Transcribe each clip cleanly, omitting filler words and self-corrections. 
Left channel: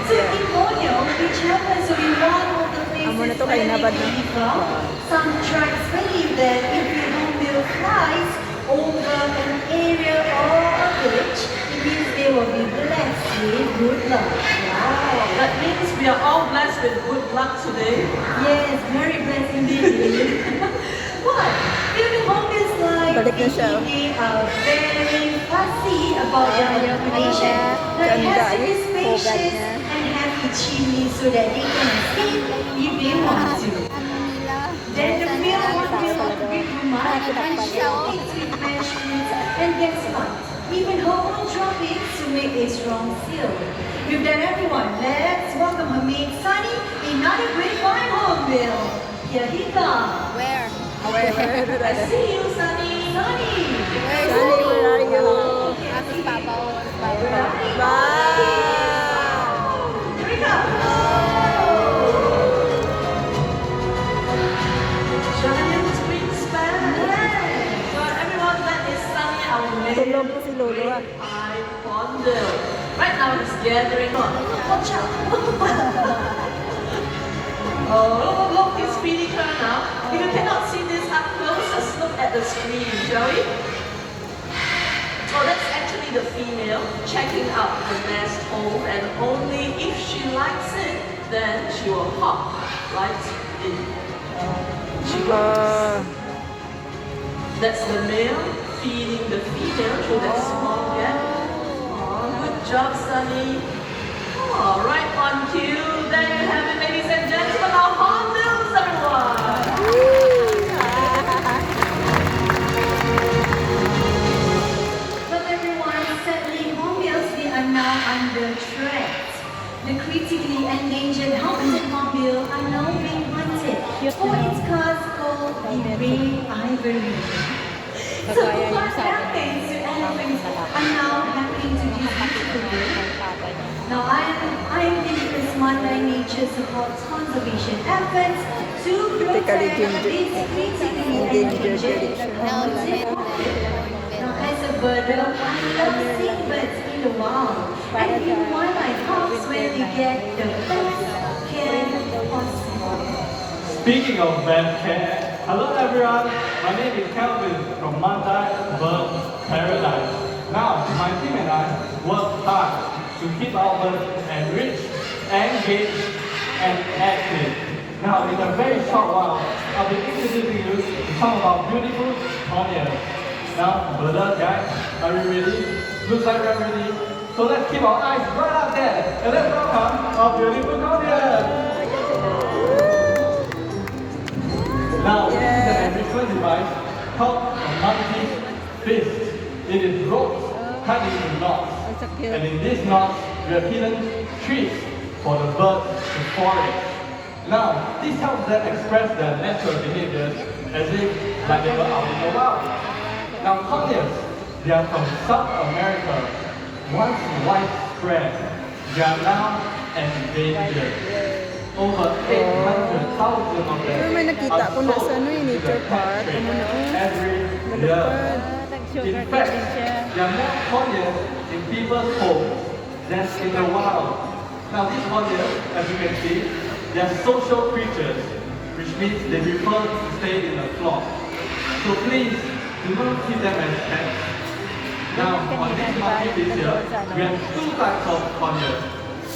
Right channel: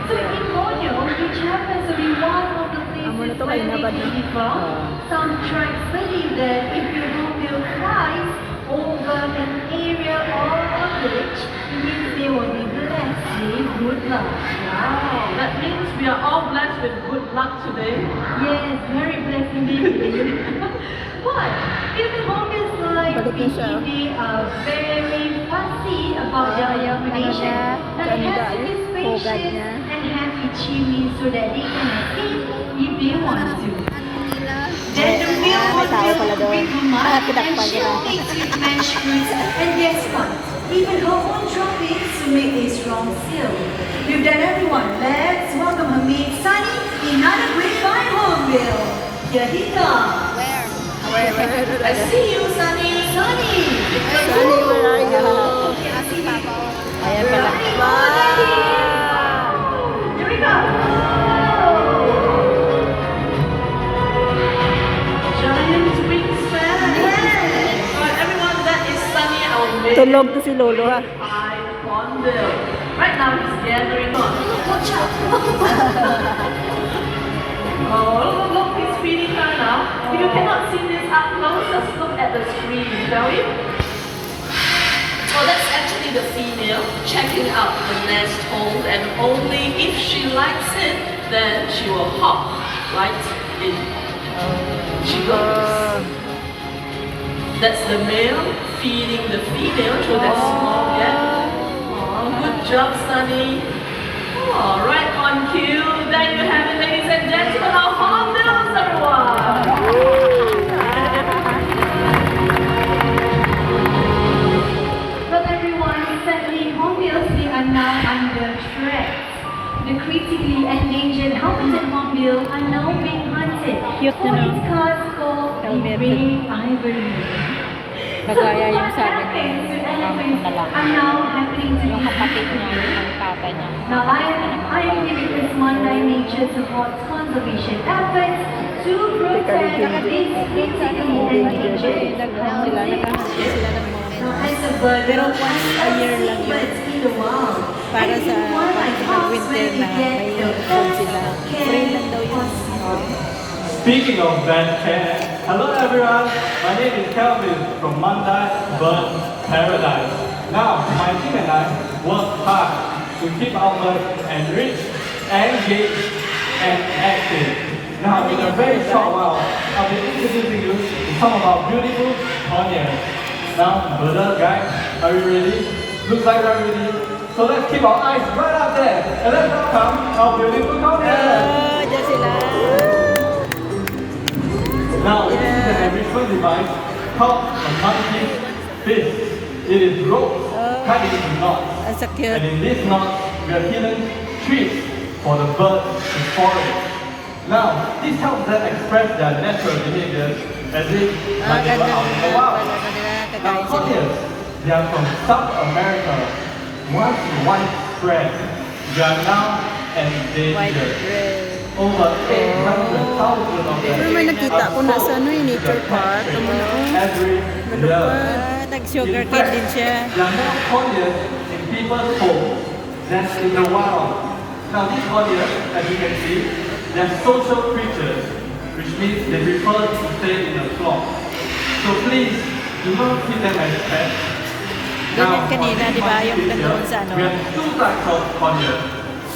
targets, yeah. Which happens to be one of the places Amo na to, where kay they nabad came na. from. Some tribes believe that if your hornbill flies over an area or a village, it means they will be blessed with good luck. Wow. That means we are all blessed with good luck today. Yes, very blessed indeed. But even hornbills like Balik na siya. they are very fussy about their accommodation. Now it Ganda, has to be yung hugad spacious niya. and have a chimney so that they can escape if they want to. Then the real hornbill bring her mind and she'll make sweet mashed fruits. And guess what? Even her own trumpets to make a strong seal. With that, everyone, let's welcome her mate Sunny, another great fine hornbill. Here he comes. Where I see you, Sunny. Sunny. Sunny, where are you? Ayan Where are you? Wow! Here we go. Giant wingspan. But everyone, that is Sunny, our main Tulog to si Lolo, ha? hornbill. Right now, he's gathering on. Watch out. Oh, look, he's feeding her now. If you cannot see this up close, just look at the screen, shall we? Oh, that's actually the female checking out the nest hole, and only if she likes it, then she will hop right in. She goes. That's the male feeding the female through that small gap. Oh, good job, Sunny. Oh, right on cue. There you have it, ladies and gentlemen, our hornbills, everyone. But everyone, sadly, hornbills, they are now under threat. The critically endangered Hamilton hornbill are now being hunted Cute for na, no? its class called the gray ivory. So what happens with elephants are now happening to these beautiful birds. Now I am here as One Line Nature supports conservation efforts to protect these critically endangered Hamilton hornbill. Now, as a bird, there are several birds in the wild. And in wildlife parks where we get the best care possible. Speaking of bad care, hello everyone, my name is Kelvin from Mandai Bird Paradise. Now, my team and I work hard to keep our birds enriched, engaged, and active. Now, in a very short while, I'll be introducing you to some of our beautiful conures. Now, birders, guys, are you ready? Looks like we're ready. So let's keep our eyes right up there, and let's welcome our beautiful conures. Now, this is an enrichment device called a multi fist. It is ropes cut into knots. That's a cute. And in this knot, we have hidden treats for the birds to forage. Now, this helps them express their natural behaviors as if like they were out in the wild. Now, conures, they are from South America. Once widespread, they are now endangered. Over 800,000 of them. Pero may nakita ko na sa ano yung nature park. Amo na, oh. Every Malupad. year. Nag-sugar In cane fact, din siya. there are more conures in people's homes than in the wild. Now these conures, as you can see, they are social creatures, which means they prefer to stay in a flock. So please, do not treat them as pets. Now, Ganyan kanina, on this di ba, monkey yung picture, nandun sa ano? we have two types of conures.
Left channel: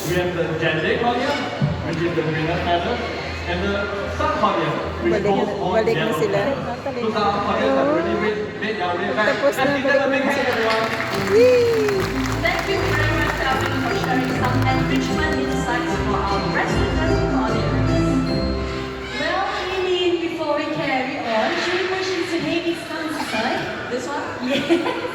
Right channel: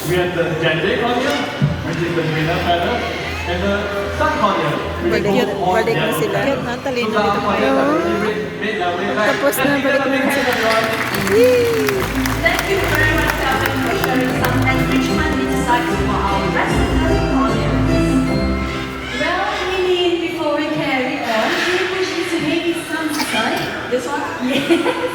We have the Jande conure, which is the greener feather, and the sun conure, which Balik- goes on balik na yellow sila. feather. Cute na, talino So the dito. conures have No. really made their way back. Tapos na, Let's give balik them a na big sila. hand, everyone. Yee! Thank you very much, Calvin, for sharing some enrichment insights for our resident audience. Well, Eileen, before we carry on, should we push into Hades' side? This one? Yes.